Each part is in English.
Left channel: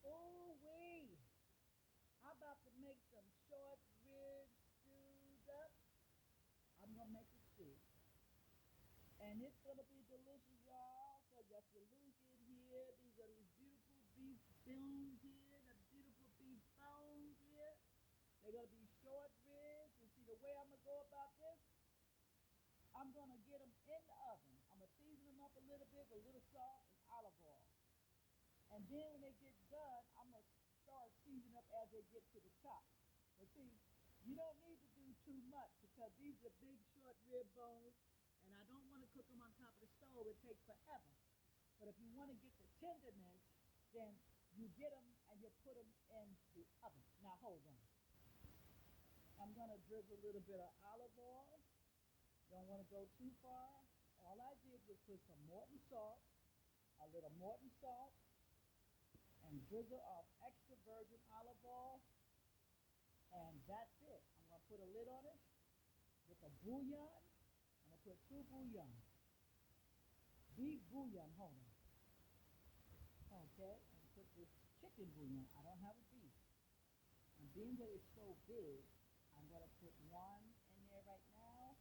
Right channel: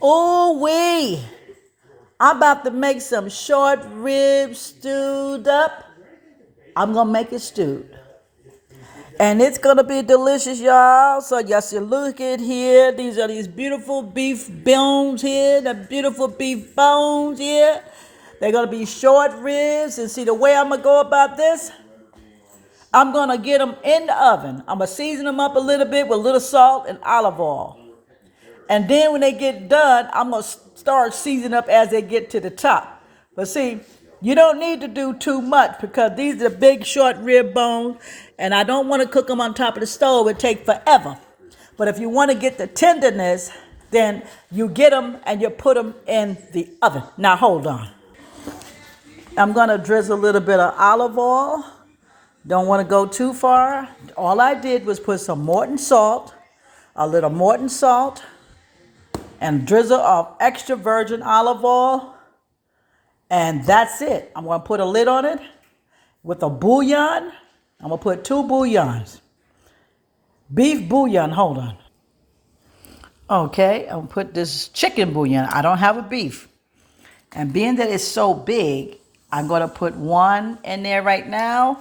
Oh, I'm about to make some short ribs stewed up. I'm going to make it stewed. And it's going to be delicious, y'all. So y'all see, look at here. These are these beautiful beef bones here. The beautiful beef bones here. They're going to be short ribs. And see, the way I'm going to go about this, I'm going to get them in the oven. I'm going to season them up a little bit with a little salt and olive oil. And then when they get done, I'm going to start seasoning up as they get to the top. But see, you don't need to do too much because these are big short rib bones and I don't want to cook them on top of the stove. It take forever. But if you want to get the tenderness, then you get them and you put them in the oven. Now hold on. I'm going to drizzle a little bit of olive oil. Don't want to go too far. All I did was put some Morton salt, a little Morton salt, and drizzle of extra virgin olive oil. And that's it. I'm going to put a lid on it with a bouillon. I'm going to put 2 bouillons. Beef bouillon, hold on. Okay, I'm going to put this chicken bouillon. I don't have a beef. And being that it's so big, I'm going to put 1 in there right now.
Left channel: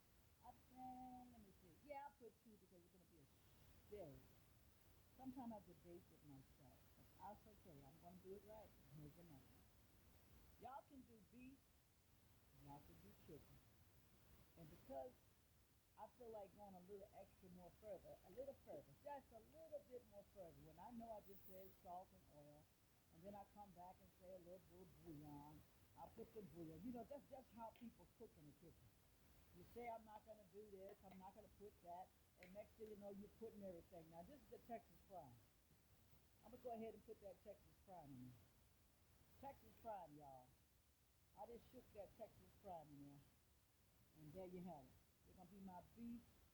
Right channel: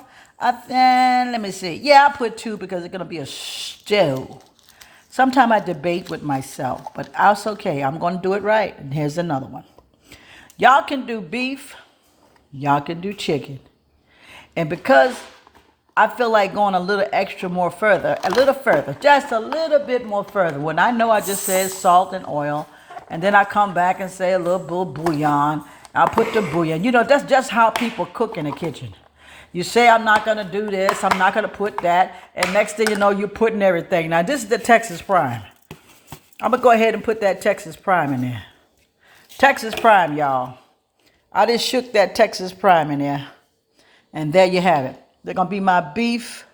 Then, let me see. Yeah, I'll put 2 because it's going to be a stew. Sometimes I debate with myself, but that's okay. I'm going to do it right. And here's another one. Y'all can do beef. Y'all can do chicken. And because I feel like going a little extra more further, just a little bit more further. When I know I just said salt and oil, and then I come back and say a little bouillon. I'll put the bouillon. You know, that's just how people cook in the kitchen. You say, I'm not going to do this, I'm not going to put that, and next thing you know, you're putting everything. Now, this is the Texas Prime. I'm going to go ahead and put that Texas Prime in there. Texas Prime, y'all. I just shook that Texas Prime in there. And there you have it. They're going to be my beef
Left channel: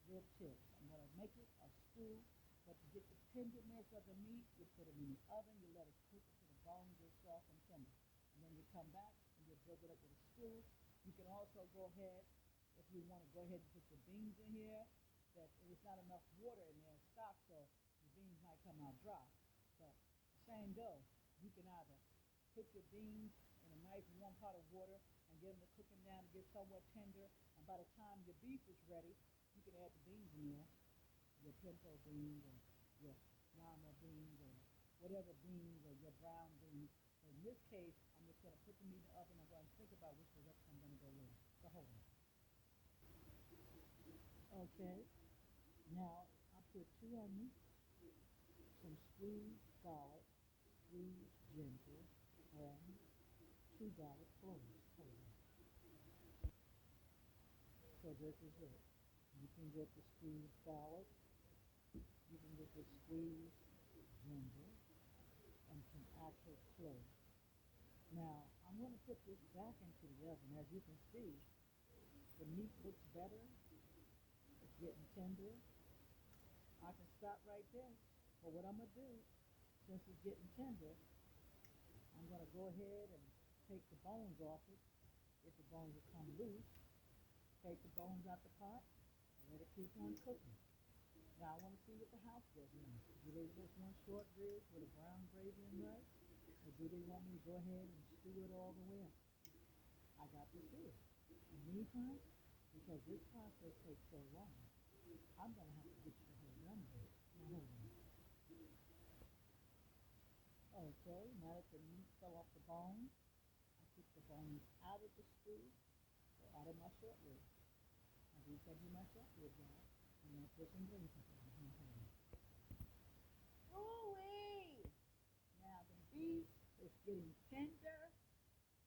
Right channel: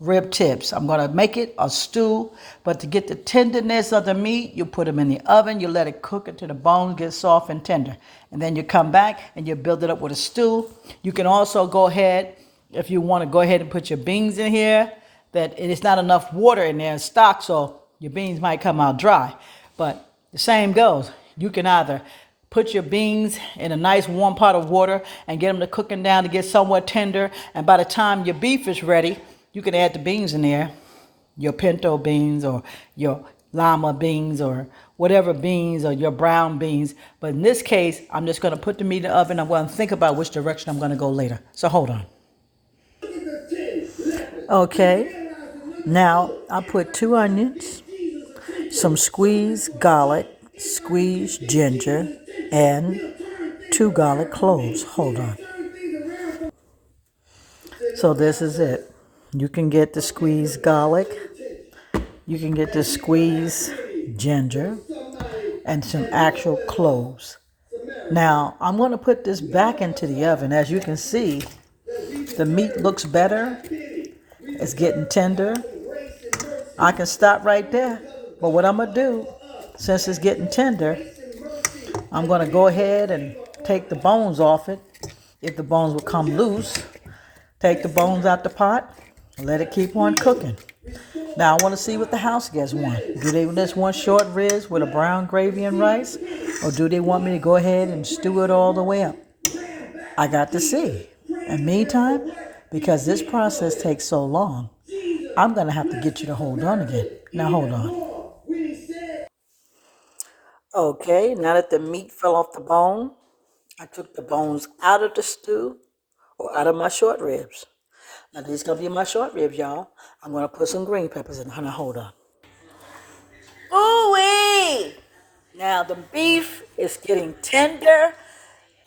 rib tips. I'm going to make it a stew. But to get the tenderness of the meat, you put them in the oven. You let it cook until the bones get soft and tender. And then you come back and you build it up with a stew. You can also go ahead, if you want to go ahead and put your beans in here, that it's not enough water in there in stock, so your beans might come out dry. But the same goes. You can either put your beans in a nice warm pot of water and get them to cooking down to get somewhat tender. And by the time your beef is ready, you can add the beans in there, your pinto beans or your lima beans or whatever beans or your brown beans. But in this case, I'm just going to put the meat in the oven. I'm going to think about which direction I'm going to go later. So hold on. Okay, now I put 2 onions, some squeezed garlic, squeezed ginger, and 2 garlic cloves. Hold on. So this is it. You can get the squeezed garlic, you can get the squeezed ginger, and some actual cloves. Now, I'm going to put this back into the oven. As you can see, the meat looks better. It's getting tender. I can stop right there. But what I'm going to do, since it's getting tender, I'm going to go ahead and take the bones off it. If the bones will come loose, take the bones out the pot, and let it keep on cooking. Now I want to see what the house guests want. Do they just want short ribs with a brown gravy and rice? Or do they want me to go ahead and stew it all the way up? I got to see. And meantime, because this process takes so long, I'm going to have to get you to hold on again. Now hold on. Okay, now that the meat fell off the bone, I took the bones out of the stew or out of my short ribs. Now these going to be my short ribs, y'all. I'm going to put some green peppers in. Now hold on. Ooh-wee! Now the beef is getting tender.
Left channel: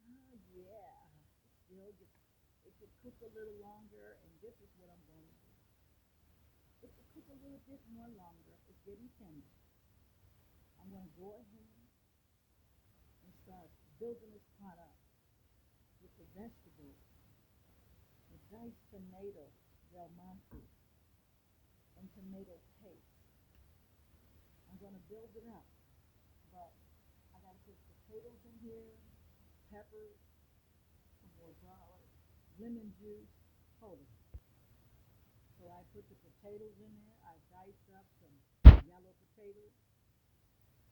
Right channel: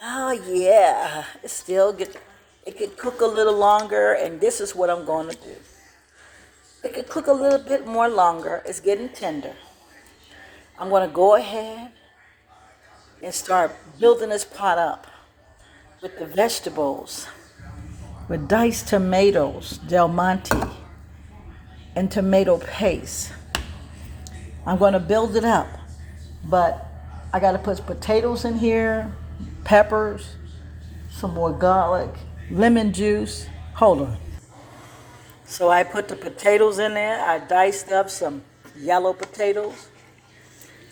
Oh yeah, it could cook a little longer, and this is what I'm going to do. It could cook a little bit more longer. It's getting tender. I'm going to go ahead and start building this pot up with the vegetables, with diced tomatoes, Del Monte, and tomato paste. I'm going to build it up, but I got to put potatoes in here, peppers, some more garlic, lemon juice. Hold on. So I put the potatoes in there. I diced up some yellow potatoes.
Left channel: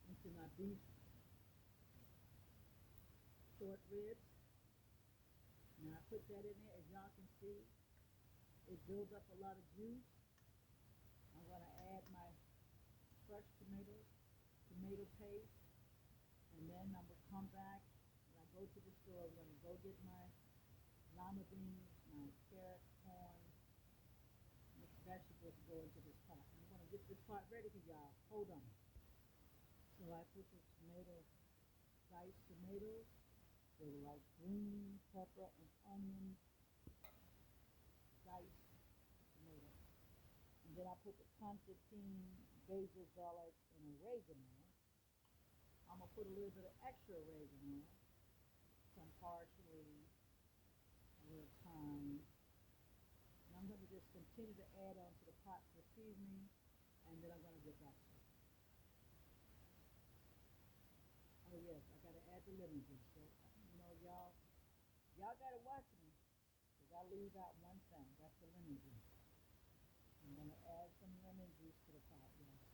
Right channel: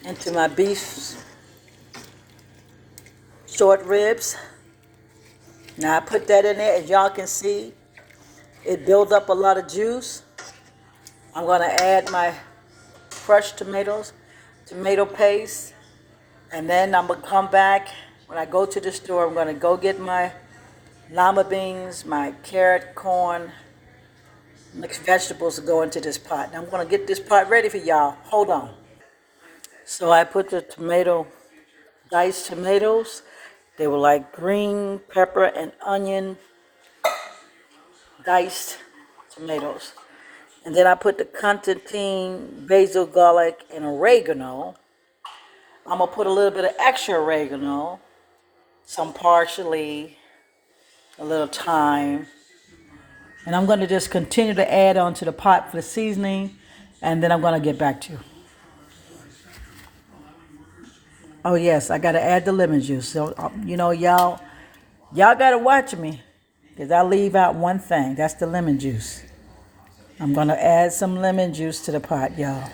into my beef short ribs. Now I put that in there. As y'all can see, it builds up a lot of juice. I'm going to add my crushed tomatoes, tomato paste, and then I'm going to come back. When I go to the store, I'm going to go get my lima beans, my carrot, corn, mixed vegetables to go into this pot. Now I'm going to get this pot ready for y'all. Hold on. So I put the diced tomatoes. They were like green pepper and onion diced tomatoes. And then I put the Constantine, basil, garlic, and oregano. I'm going to put a little bit of extra oregano, some parsley, a little thyme. And I'm going to just continue to add on to the pot for the seasoning, and then I'm going to get back to you. Oh, yes, I got to add the lemon juice. So, y'all got to watch me, because I leave out one thing. That's the lemon juice. I'm going to add some lemon juice to the pot, y'all.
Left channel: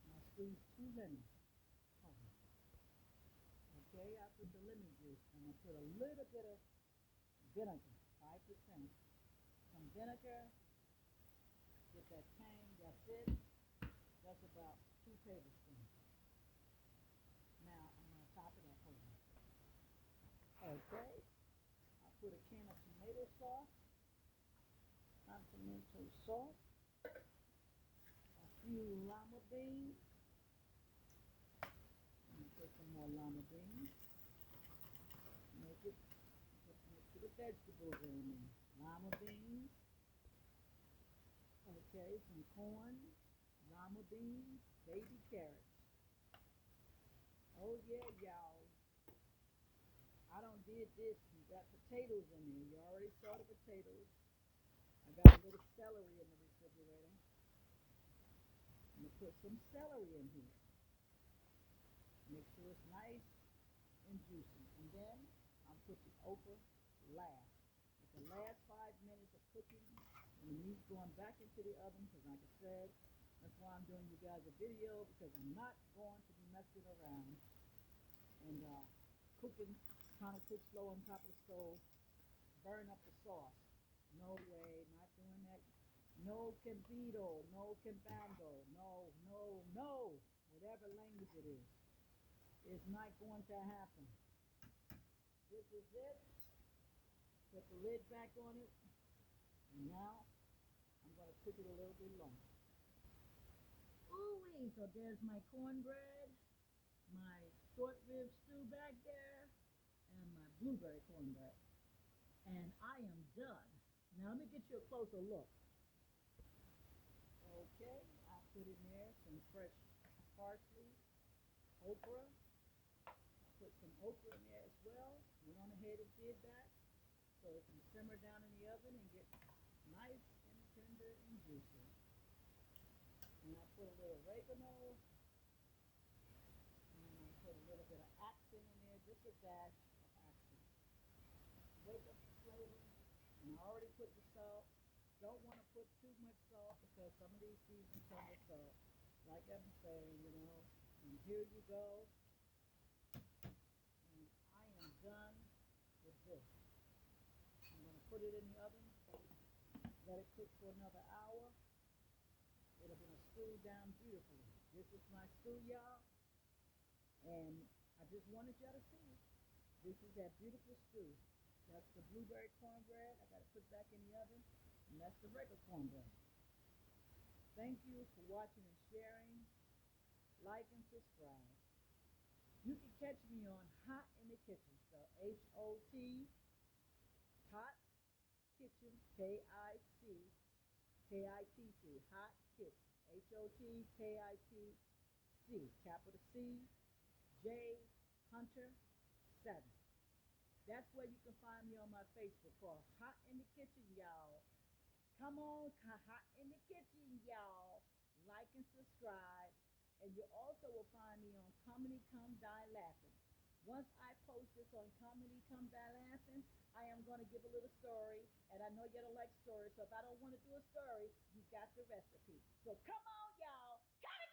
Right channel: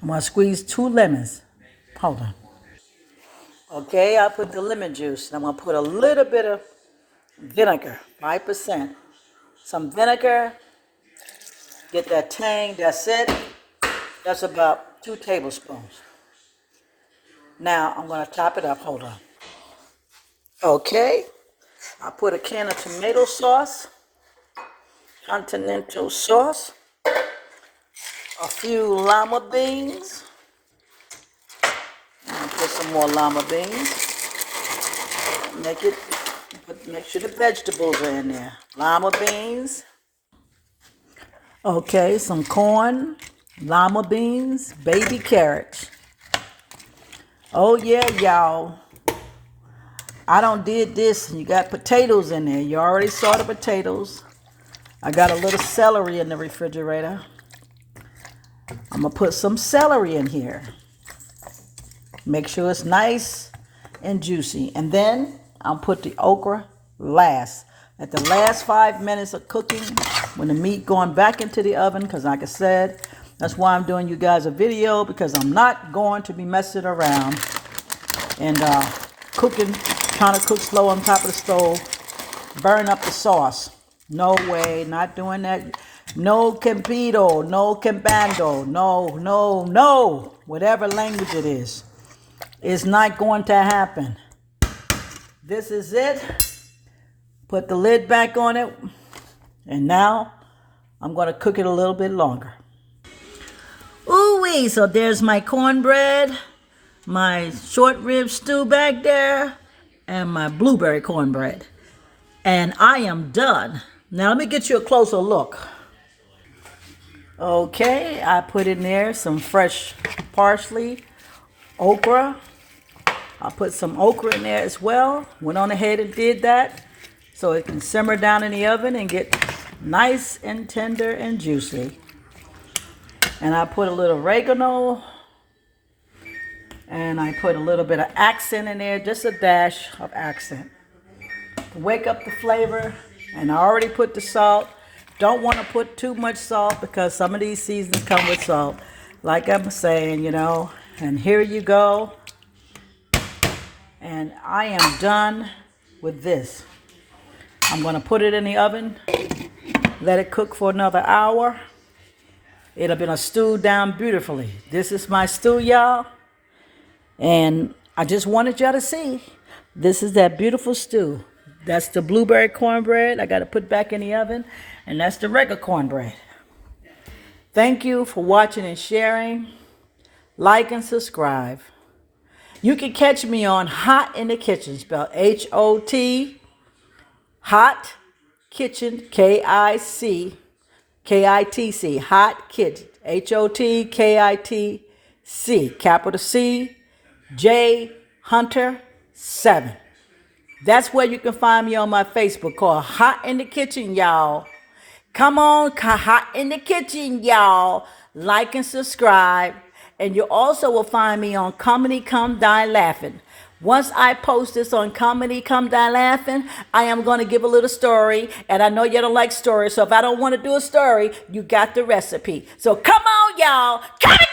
I'm going to squeeze 2 lemons. Hold on. Okay, I put the lemon juice, and I'm going to put a little bit of vinegar, 5%. Some vinegar, get that tang, that's it. That's about 2 tablespoons. Now, I'm going to top it up. Hold on. Okay, I put a can of tomato sauce, continental sauce, a few lima beans. I'm going to put some more lima beans. Make sure the vegetables are in there. Lima beans. Okay, some corn, lima beans, baby carrots. Oh yeah, y'all. I don't did this. You got potatoes in there. You already saw the potatoes. I got a little celery in the refrigerator. I'm going to put some celery in here. Make sure it's nice and juicy. And then I'll put the okra last. At the last 5 minutes of cooking, when the meat going back into the oven, because like I said, that's why I'm doing you guys a video, because I'm not going to be messing around and trying to cook slow on top of the stove, burn up the sauce. No way, not doing that. No campido, no campando, no, whatever language it is. It's not going to happen. This is it. Put the lid back on it. And now I'm going to cook it a little bit longer. Ooh-wee, so there's my cornbread, my short rib stew back there, and my blueberry cornbread. And I am done. Now let me get you a closer look. Okay, I put in there some fresh parsley, okra. I put some okra in there as well. Went on ahead and did that so it can simmer down in the oven and get nice and tender and juicy. And I put a little oregano, and I put a little bit of accent in there, just a dash of accent to wake up the flavor. And I already put the salt. Don't want to put too much salt because some of these seasonings come with salt, like I'm saying, And here you go. And I am done with this. I'm going to put it in the oven, let it cook for another hour. It'll be stewed down beautifully. This is my stew, y'all. And I just wanted y'all to see. This is that beautiful stew. That's the blueberry cornbread I got to put back in the oven. And that's the regular cornbread. Thank you for watching and sharing. Like and subscribe. You can catch me on Hot in the Kitchen, spelled H-O-T, Hot Kitchen, K-I-T-C, Hot Kitchen, H-O-T-K-I-T-C, capital C, J Hunter 7. That's where you can find me on my Facebook called Hot in the Kitchen, y'all. Come on, Hot in the Kitchen, y'all. Like and subscribe. And you also will find me on Comedy Come Die Laughing. Once I post this on Comedy Come Die Laughing, I am going to give a little story. And I know you don't like stories, so if I don't want to do a story, you got the recipe. So come on, y'all. Comedy